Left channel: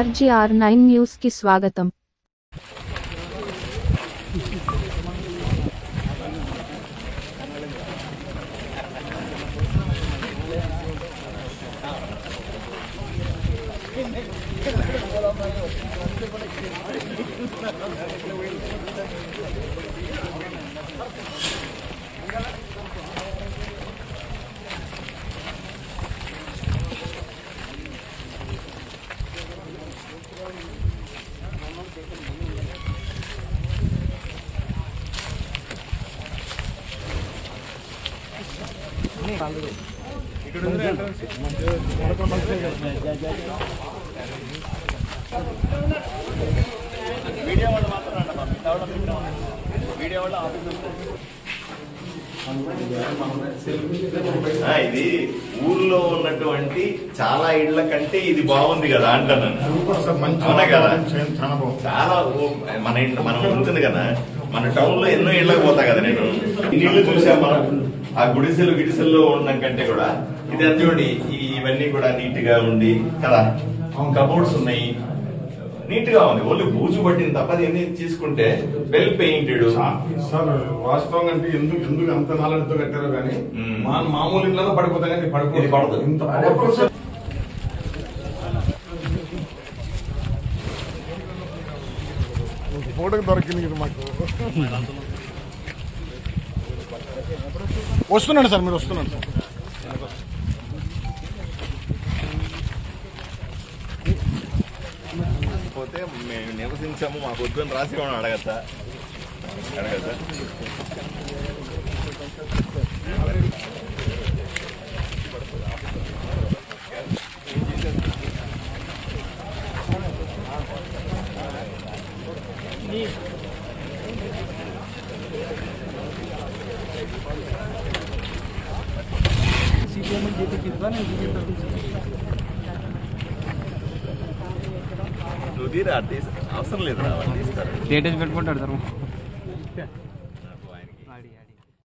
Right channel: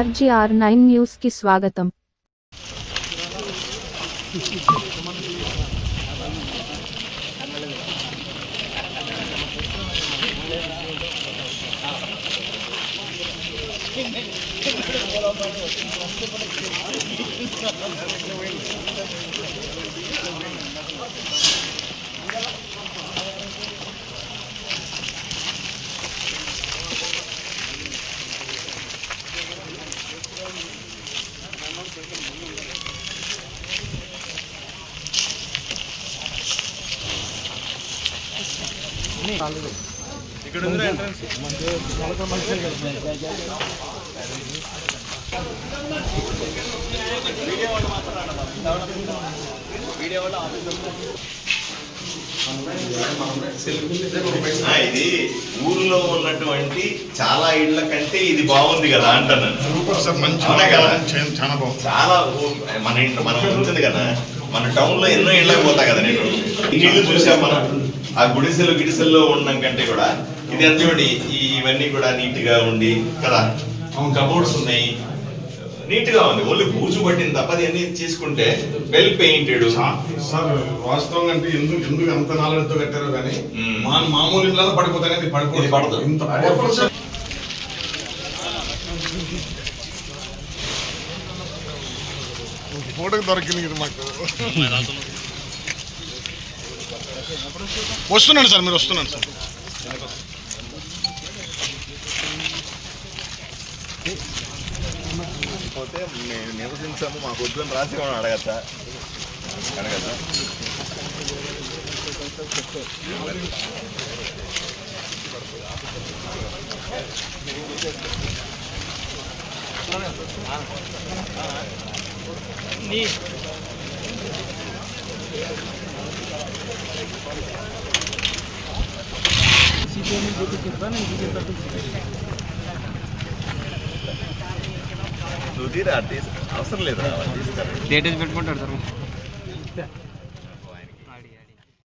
RGR9 news కి స్వాగతం. ఇది ఊర్లో ఉన్నటువంటి చాలా ఇళ్ల కంటే ఇది బాగుంది కదా అంటున్నాను. చాలా మన ఇంట్లో మనం ఉంటుంది కదా, మన టౌన్ లో ఎన్నో ఇళ్ళకి పోతా కదా, నేను ఇల్లు చూసాం మనం. ఆ గిడిసెల్లో ఉండడం కంటే కూడా ఇది ఎంత చూడండి, ఇవన్నీ కూడా నీట్ గా ఉండి కదా, కబోర్డ్స్ ఉన్నాయి, నీట్ గా ఉంది. ఓన్లీ బూజు పట్టింది తప్ప అన్ని తీసుకుంటే వెల్ పెయింటెడ్. సార్ వాస్తవంగా అంటే ఎందుకు అంత నాలుగుతో కట్టారో కానీ మామూలు ఇళ్ళలో పడిపోతా కానీ పడదు. ఫోటోకి దొరికింది మాకు. వస్తున్నాను సార్, మీరు వస్తున్నాను సార్. పోతే మేము నివసించాము, మాకు వద్దని రాసి అడగచ్చా? నువ్వు తీరా అవసరం లేదు, డేటేజ్ పెట్టుకుంటాడు సార్.